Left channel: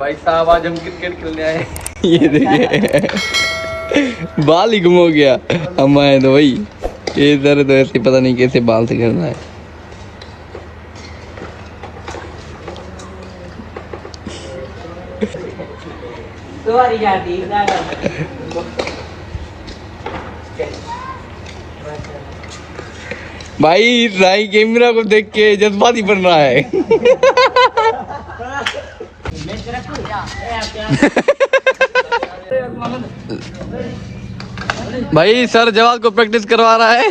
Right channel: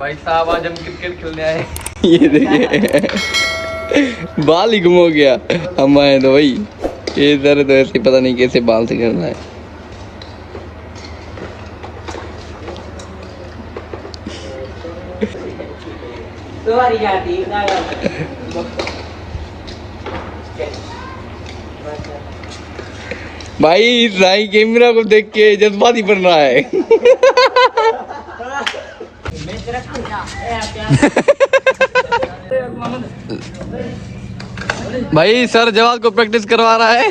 भाई साहब आज हम क्रिकेट खेलने आए। ये देखिए बाल ही गुम हो गया। हम आए तो भाई ये इधर तो ऐसे पता नहीं कैसे बाल से खेलना है। भाई भाई कैमरा को देख के जज्बाती बन रहा है। भाई सर जवाब को प्रैक्टिस करवा रहा है।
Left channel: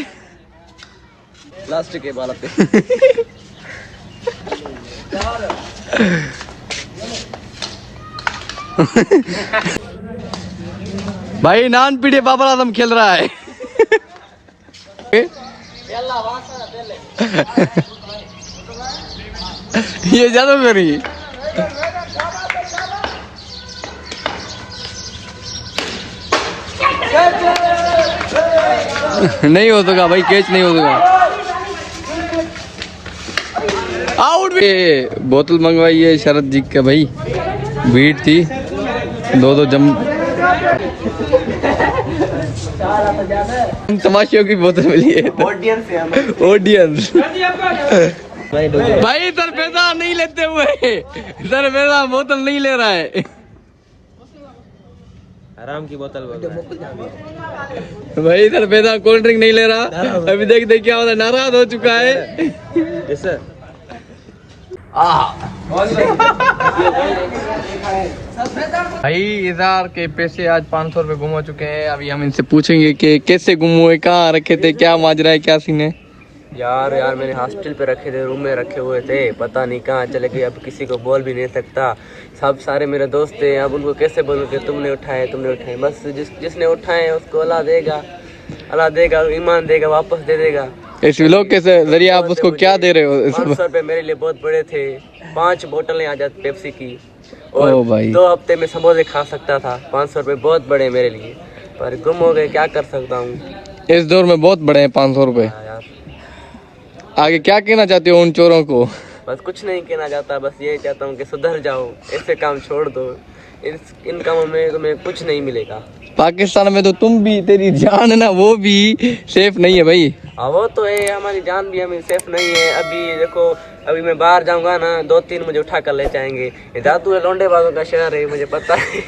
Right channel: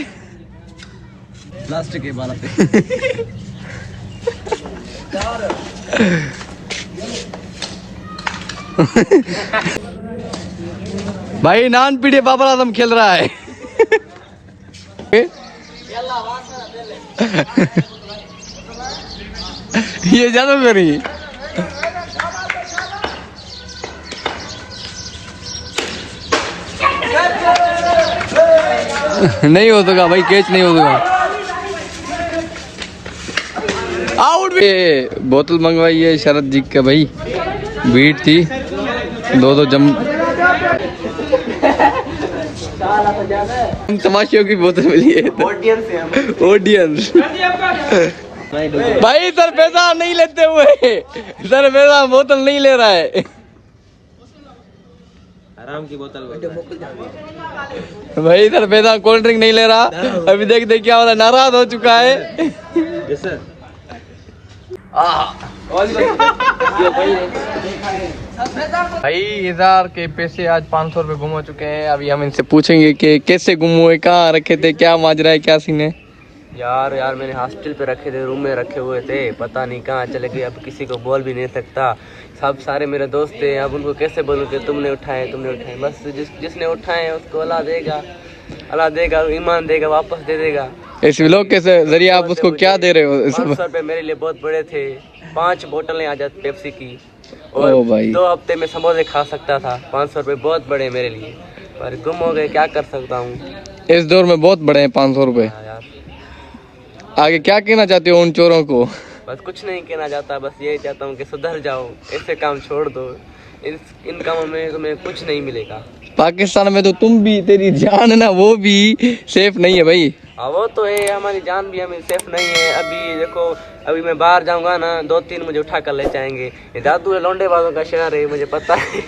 लास्ट के बाल पे भाई नान पीढ़ी बाबर आजम खेल रहा है। ये ज्यादा करी नहीं हो सका भाई, कैच नहीं हो सका। आउट। बोतल मंगवाई है शरद जी का भाई, बीट थी दो जम तमाशियों की बोतल मिली है। ऑडियंस भाई सर पैसा नहीं लेते हुए, सर पैसा बोतल नहीं ले रहा है। आराम की बोतल भाई सर पैसा कोल्ड ड्रिंक नहीं ले रहा। अभी देख देख क्या होता, नाराज हो चुका है। भाई इधर के पैसे आज 500 रुपए गुम हो चुके हैं। अभी हम इनसे पूछेंगे कि कैसे गुम हुए, कहाँ रखे थे, क्या माजरा है, क्या सीन है। यार मैंने हॉस्टल पे रखे थे, रूम में रखे हुए थे, पता नहीं कहाँ चले गए। अब किसी को बोल भी नहीं सकता, सब सारे मेरे दोस्त थे। अब उनको कैसे बोलूँ कि तुमने उठाए। बस जिसने उठाए उसको अल्लाह देगा, ईमान देगा, वापस दे देगा। इस व्लॉग के जरिए आप उसको क्या दे रहे हो? 500 रुपये मेरे लिए बहुत बड़े थे। 5 बोतलें आ जाती पेप्सी की और भाई 2 हफ्ते में समोसे खा सकता था। 500 रुपये बहुत बड़े मेरे लिए, पर गुम हो गए, क्या कर सकता हूँ। इस दौर में बहुत बड़े हैं 500 रुपए। यार आगे क्या कहना चाहते हो उन चोरों को? बस कुछ नहीं कहना चाहता, बस यही चाहता हूँ कि सुधर जाओ, ऐसे काम छोड़ दो। इन कामों में तुम्हें कुछ नहीं मिलेगा। पाकिस्तान में तो तुम भी, तेरी जान है ना, वो भी सेफ नहीं है भाई। हाँ वो तो है, हमारी जान भी हमें सेफ नहीं है। अभी देखो, अभी मैं बाहर जाऊंगा ना, 2-3 मुझे उठा कर ले जाएंगे। ये जादू है, लौंडे बाजों का शहर है, मुझे पता है।